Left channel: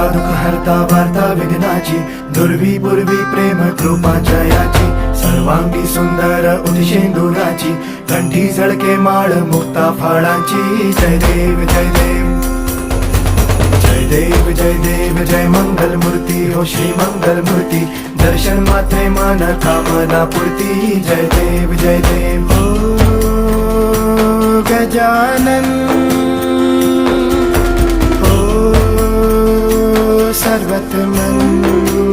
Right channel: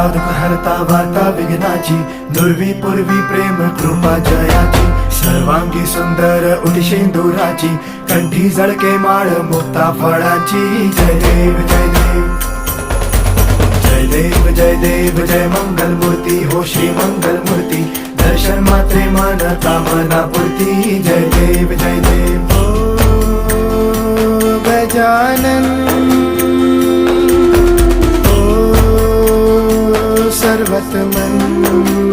हरता दुःख हरता वार्ता विघ्नाची, दुर्वी पूर्वी प्रेम कृपा जयाची, सर्वांगी सुंदर उदिशेंदुराची, कंठी झळके माळ मुक्ता फळाची. जय देव जय देव जय देव जय देव जय मंगल मूर्ती हो श्री मंगल मूर्ती, दर्शन मात्रे मन कामना पूर्ती. जय देव जय देव हो गजानन हो सर्वतमन